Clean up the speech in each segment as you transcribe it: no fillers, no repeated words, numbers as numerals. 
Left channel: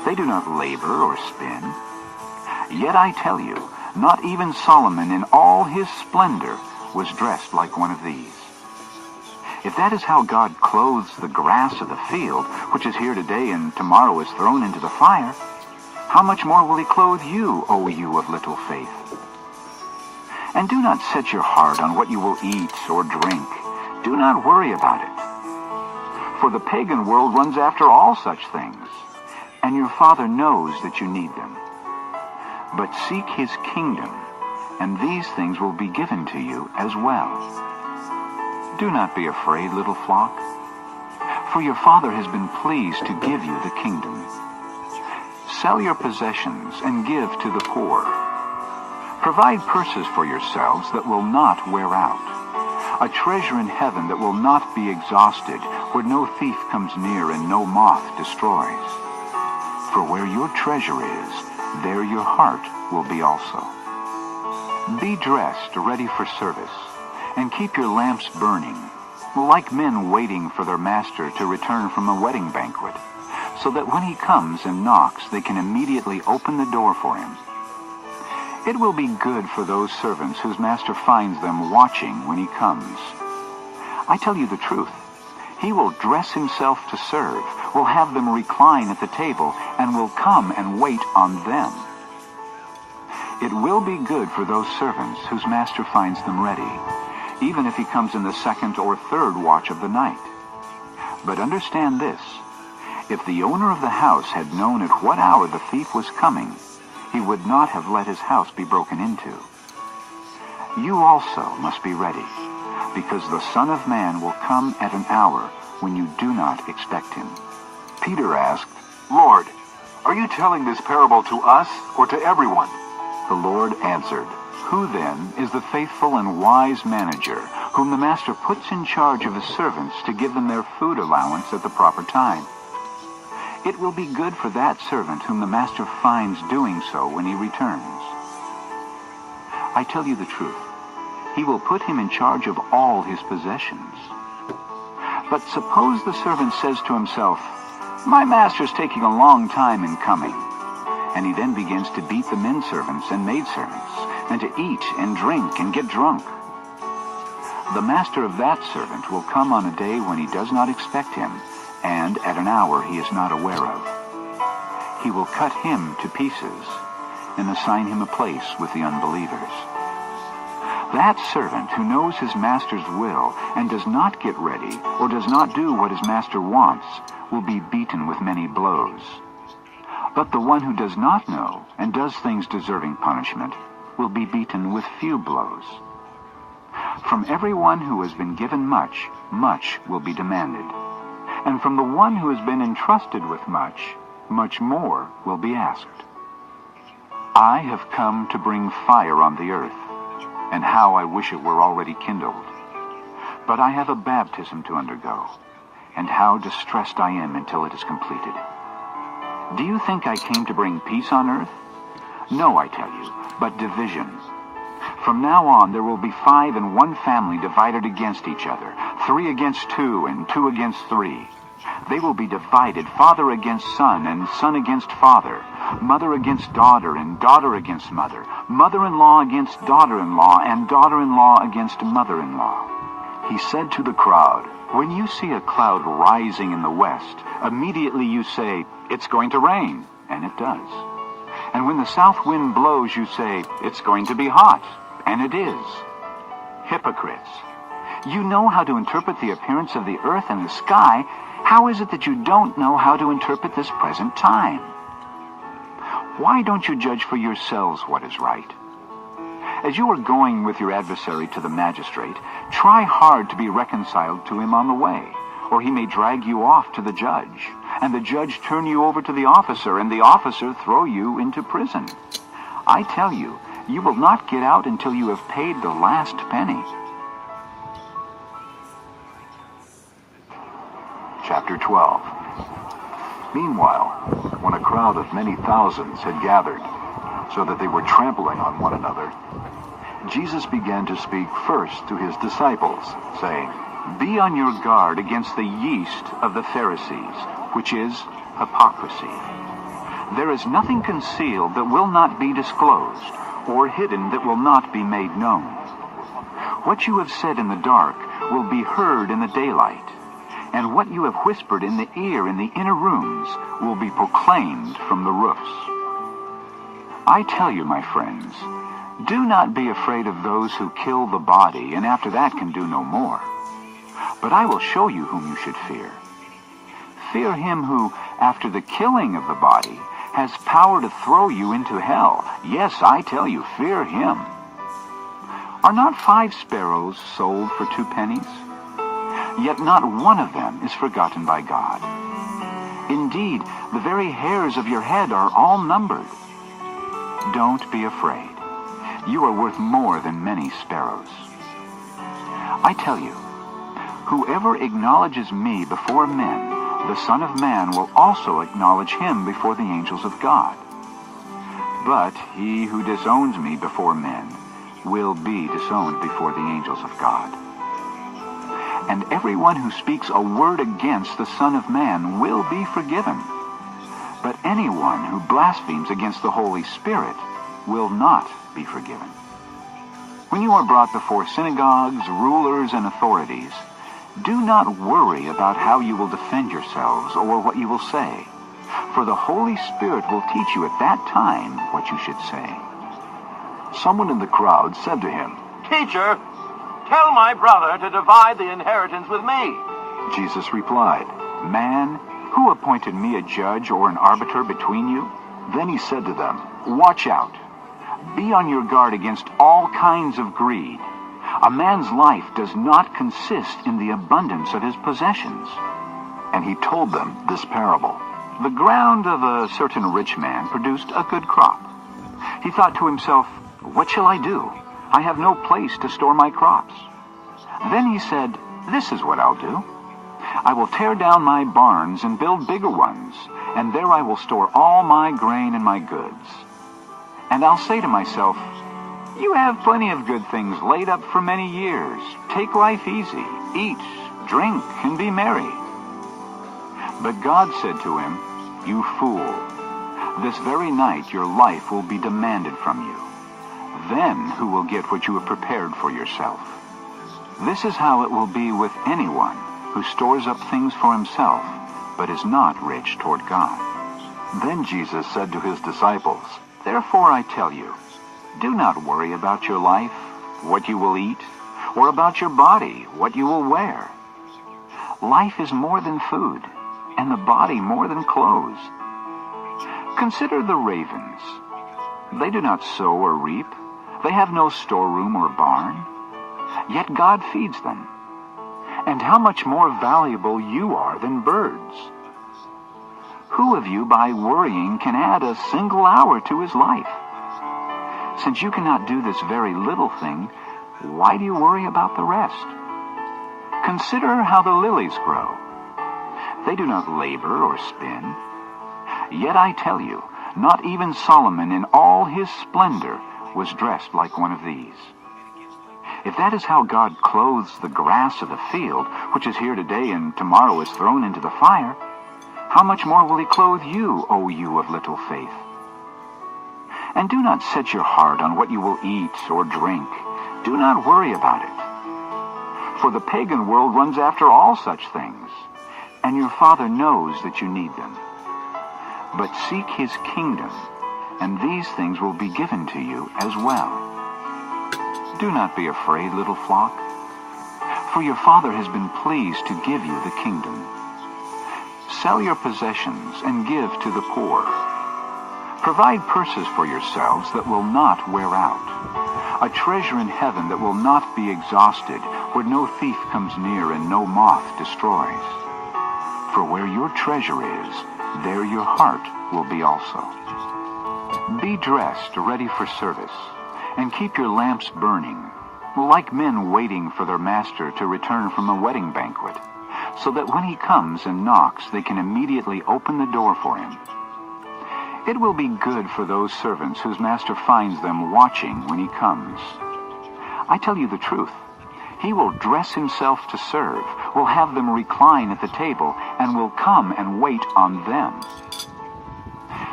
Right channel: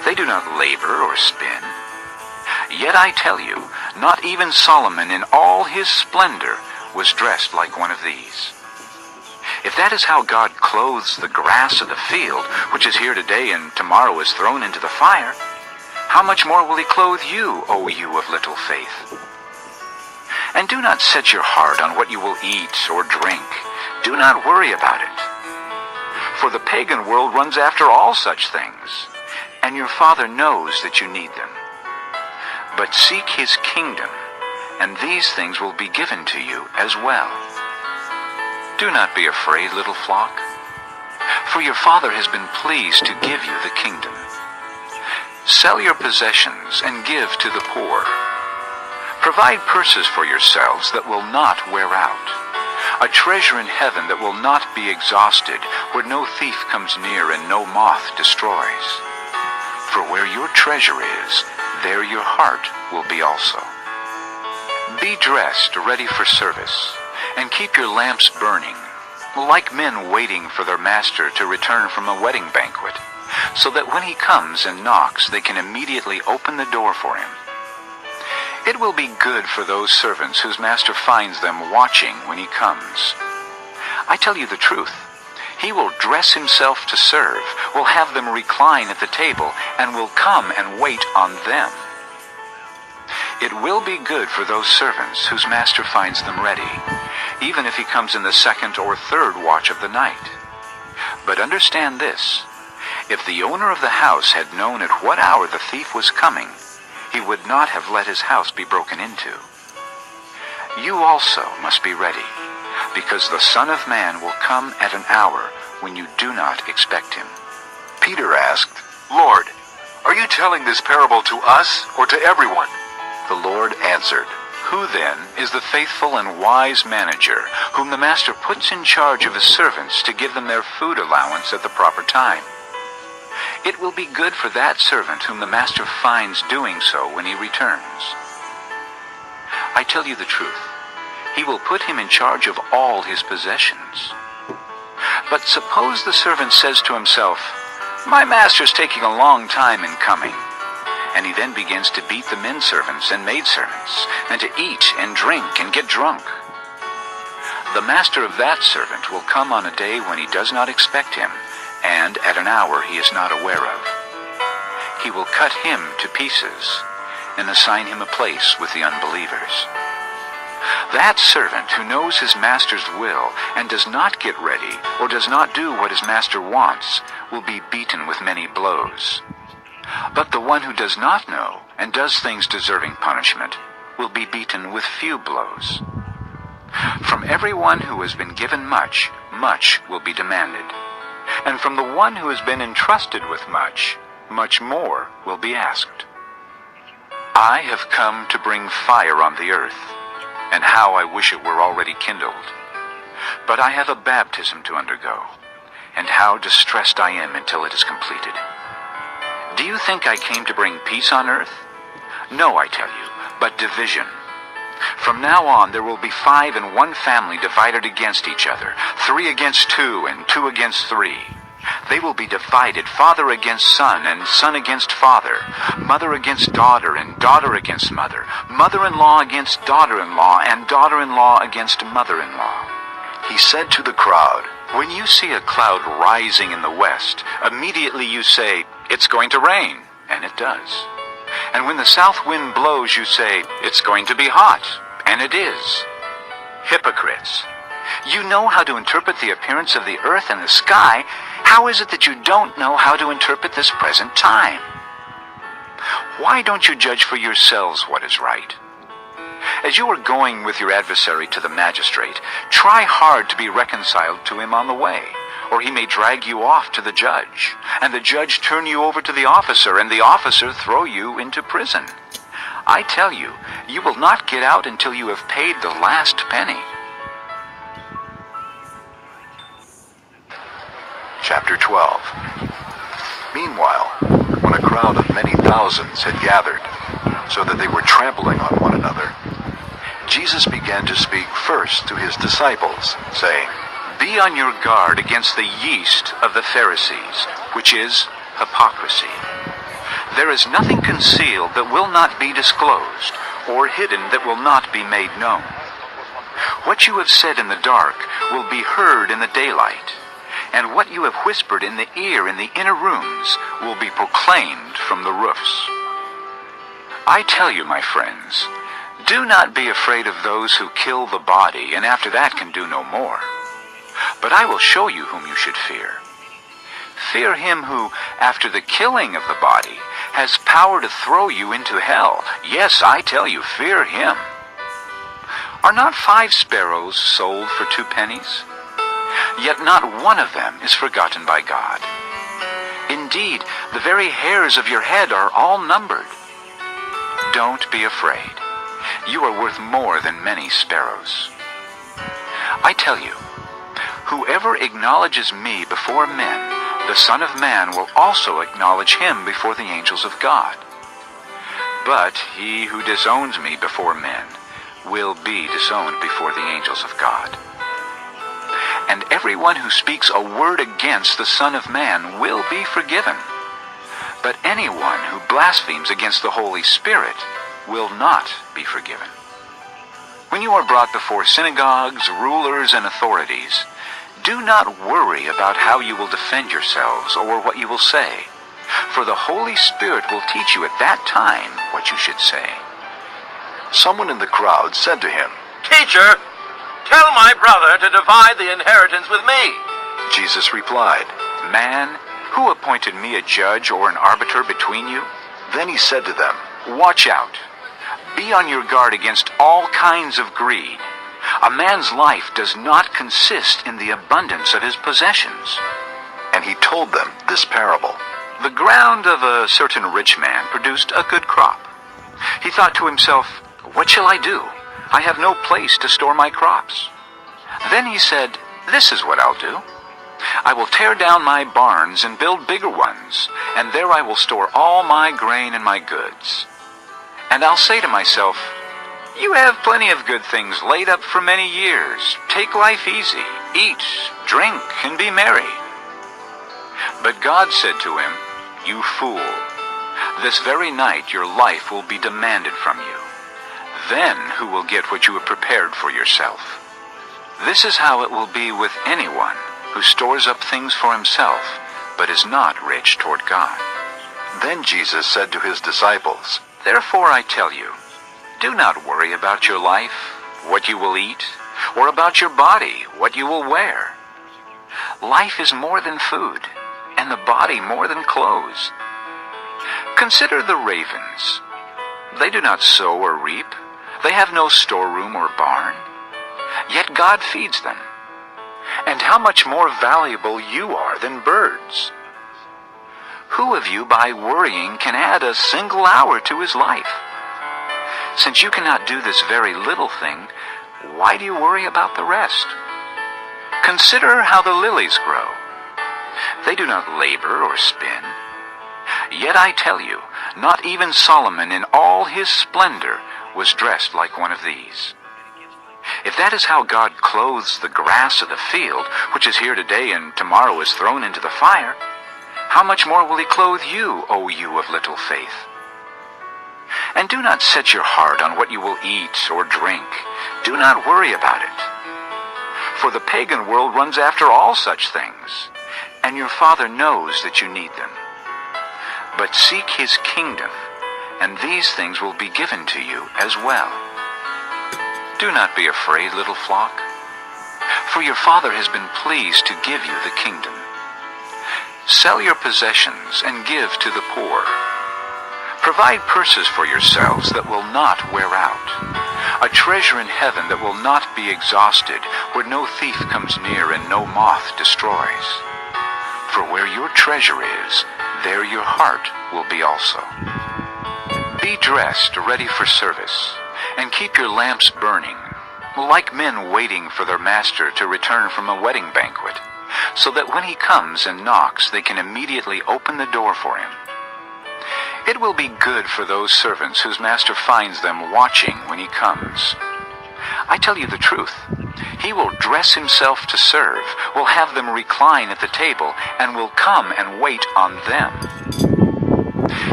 They do not labor or spin. Yet I tell you, not even Solomon in all his splendor was dressed like one of these. If that is how God clothes the grass of the field, which is here today and tomorrow is thrown into the fire, how much more will he clothe you, O you of little faith? And do not set your heart on what you will eat or drink. Do not worry about it. For the pagan world runs after all such things, and your Father knows that you need them. But seek his kingdom, and these things will be given to you as well. Do not be afraid, little flock, for your Father has been pleased to give you the kingdom. Sell your possessions and give to the poor. Provide purses for yourselves that will not wear out, a treasure in heaven that will not be exhausted, where no thief comes near and no moth destroys. For where your treasure is, there your heart will be also. Be dressed, ready for service, and keep your lamps burning, like men waiting for their master to return from a wedding banquet, so that when he comes and knocks, they can immediately open the door for him. It will be good for those servants whose master finds them watching when he comes. I tell you the truth. He will dress himself to serve, will have them recline at the table, and will come and wait on them. It will be good for those servants whose master finds them ready, even if he comes in the second or third watch of the night. But understand this, if the owner of the house had known at what hour the thief was coming, he would not have let his house be broken into. You also must be ready, because the Son of Man will come at an hour when you do not expect him. Peter asked, Lord, are you telling this parable to us or to everyone? The Lord answered, Who then is the faithful and wise manager, whom the master puts in charge of his servants to give them their food allowance at the proper time? It will be good for that servant whom the master finds doing so when he returns. I tell you the truth, he will put him in charge of all his possessions. But suppose the servant says to himself, My master's taking a long time in coming. And he then begins to beat the men servants and maidservants, and to eat and drink and get drunk. The master of that servant will come on a day when he does not expect him, and at an hour he is not aware of. He will cut him to pieces and assign him a place with the unbelievers. That servant who knows his master's will and does not get ready or does not do what his master wants will be beaten with many blows. But the one who does not know and does things deserving punishment will be beaten with few blows. From everyone who has been given much, much will be demanded. And from the one who has been entrusted with much, much more will be asked. I have come to bring fire on the earth, and how I wish it were already kindled. But I have a baptism to undergo, and how distressed I am until it is completed. Do you think I came to bring peace on earth? No, I tell you, but division. From now on there will be 5 in one family divided against each other, 3 against 2, and 2 against 3. They will be divided, father against son, and son against father, mother against daughter, and daughter against mother, mother-in-law against daughter-in-law, and daughter-in-law against mother-in-law. He said to the crowd, When you see a cloud rising in the west, immediately you say, It's going to rain, and it does. And when the south wind blows, you say, It's going to be hot, and it is. Hypocrites! You know how to interpret the appearance of the earth and the sky. How is it that you don't know how to interpret this present time? Why don't you judge for yourselves what is right? As you are going with your adversary to the magistrate, try hard to be reconciled to him on the way, or he may drag you off to the judge, and the judge turn you over to the officer, and the officer throw you into prison. I tell you, you will not get out until you have paid the last penny. Chapter 12. Meanwhile, when a crowd of many thousands had gathered, so that they were trampling on one another, Jesus began to speak first to his disciples, saying, Be on your guard against the yeast of the Pharisees, which is hypocrisy. There is nothing concealed that will not be disclosed, or hidden that will not be made known. What you have said in the dark will be heard in the daylight, and what you have whispered in the ear in the inner rooms will be proclaimed from the roofs. I tell you, my friends, do not be afraid of those who kill the body, and after that can do no more. But I will show you whom you should fear. Fear him who, after the killing of the body, has power to throw you into hell. Yes, I tell you, fear him. Are not 5 sparrows sold for 2 pennies? Yet not one of them is forgotten by God. Indeed, the very hairs of your head are all numbered. Don't be afraid. You are worth more than many sparrows. I tell you, whoever acknowledges me before men, the Son of Man will also acknowledge him before the angels of God. But he who disowns me before men will be disowned before the angels of God. And everyone who speaks a word against the Son of Man will be forgiven. But anyone who blasphemes against the Holy Spirit will not be forgiven. When you are brought before synagogues, rulers, and authorities, do not worry about how you will defend yourselves or what you will say, for the Holy Spirit will teach you at that time what you should say. Someone in the crowd said to him, Teacher, tell my brother to divide the inheritance with me. Jesus replied. Man, who appointed me a judge or an arbiter between you? Then he said to them, Watch out. Be on your guard against all kinds of greed. A man's life does not consist in the abundance of his possessions. and he told them this parable. The ground of a certain rich man produced a good crop. He thought to himself, "What shall I do? I have no place to store my crops." Then he said, "This is what I'll do. I will tear down my barns and build bigger ones, and there I will store all my grain and my goods. And I'll say to myself, 'You have plenty of good things laid up for many years. Take life easy, eat, drink, and be merry.' But God said to him, 'You fool, this very night your life will be demanded from you. Then who will get what you have prepared for yourself? This is how it will be with anyone who stores up things for himself, but is not rich toward God.'" Then Jesus said to his disciples, "Therefore I tell you, do not worry about your life, what you will eat, or about your body, what you will wear. Life is more than food, and the body more than clothes. Consider the ravens. They do not sow or reap. They have no storeroom or barn. Yet God feeds them. And how much more valuable you are than birds. Who of you by worrying can add a single hour to his life? Since you cannot do this very little thing, why do you worry about the rest? Consider how the lilies grow. They do not labor or spin. Yet I tell you, not even Solomon in all his splendor was dressed like one of these. If that is how God clothes the grass of the field, which is here today and tomorrow is thrown into the fire, how much more will he clothe you, O you of little faith? And do not set your heart on what you will eat or drink. Do not worry about it. For the pagan world runs after all such things, and your Father knows that you need them. But seek his kingdom, and these things will be given to you as well. Do not be afraid, little flock, for your Father has been pleased to give you the kingdom. Sell your possessions and give to the poor. Provide purses for yourselves that will not wear out, a treasure in heaven that will not be exhausted, where no thief comes near and no moth destroys. For where your treasure is, there your heart will be also. Be dressed, ready for service, and keep your lamps burning, like men waiting for their master to return from a wedding banquet, so that when he comes and knocks, they can immediately open the door for him. It will be good for those servants whose master finds them watching when he comes. I tell you the truth, he will dress himself to serve, will have them recline at the table, and will come and wait on them.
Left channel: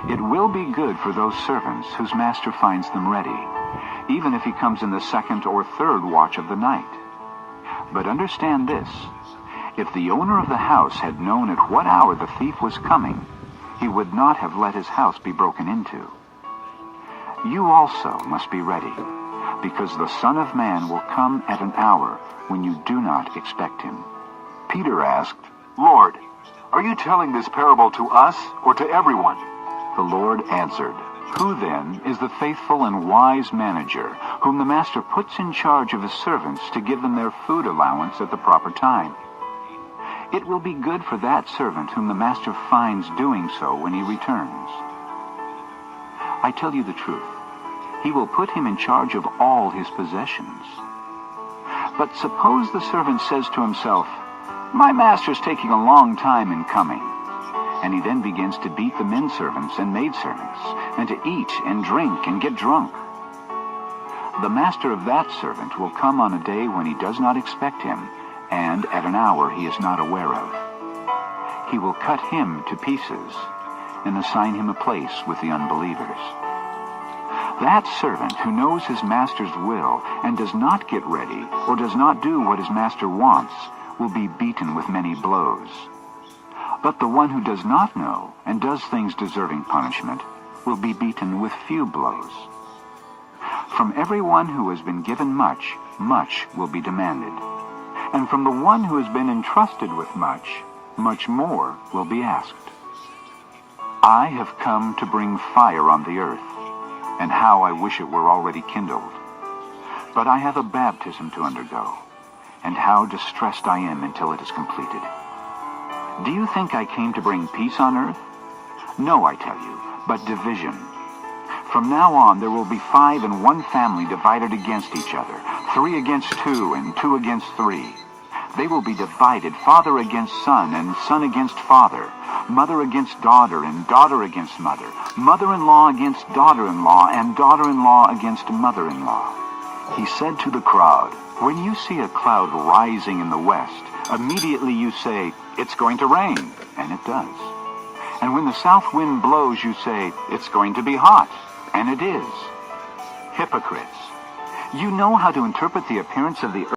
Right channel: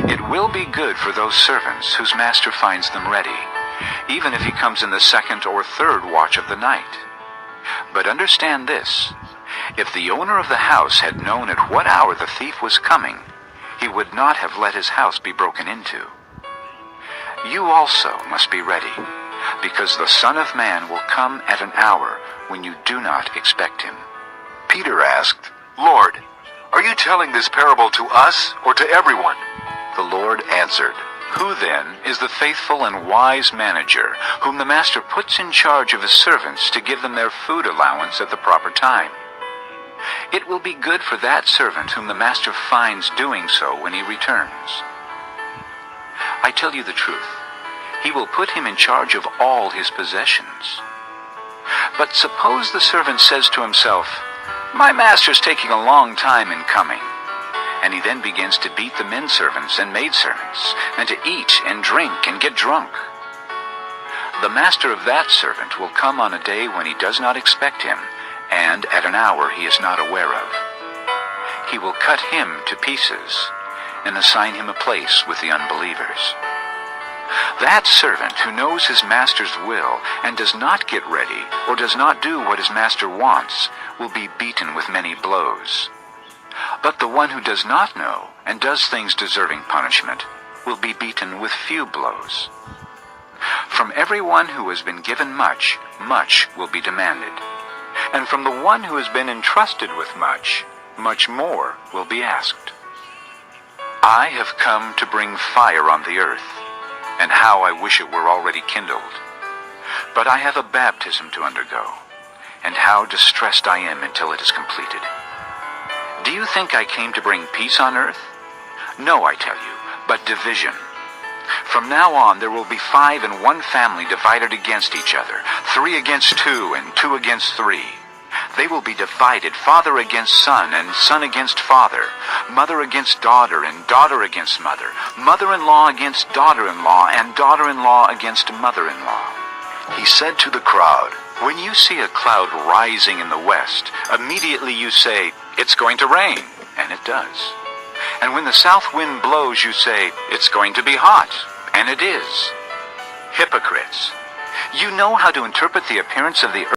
It will be good for those servants whose master finds them ready, even if he comes in the second or third watch of the night. But understand this, if the owner of the house had known at what hour the thief was coming, he would not have let his house be broken into. You also must be ready, because the Son of Man will come at an hour when you do not expect him. Peter asked, "Lord, are you telling this parable to us or to everyone?" The Lord answered, Who then is the faithful and wise manager, whom the master puts in charge of his servants to give them their food allowance at the proper time? It will be good for that servant whom the master finds doing so when he returns. I tell you the truth, he will put him in charge of all his possessions. But suppose the servant says to himself, My master's taking a long time in coming, and he then begins to beat the men servants and maidservants, and to eat and drink and get drunk. The master of that servant will come on a day when he does not expect him, and at an hour he is not aware of. He will cut him to pieces and assign him a place with the unbelievers. That servant who knows his master's will and does not get ready or does not do what his master wants will be beaten with many blows. But the one who does not know and does things deserving punishment will be beaten with few blows. From everyone who has been given much, much will be demanded. And from the one who has been entrusted with much, much more will be asked. I have come to bring fire on the earth, and how I wish it were already kindled. But I have a baptism to undergo, and how distressed I am until it is completed. Do you think I came to bring peace on earth? No, I tell you, but division. From now on there will be 5 in one family divided against each other, 3 against 2, and 2 against 3. They will be divided, father against son, and son against father, mother against daughter, and daughter against mother, mother-in-law against daughter-in-law, and daughter-in-law against mother-in-law. He said to the crowd, When you see a cloud rising in the west, immediately you say, It's going to rain, and it does. And when the south wind blows, you say, It's going to be hot, and it is. Hypocrites! You know how to interpret the appearance of the earth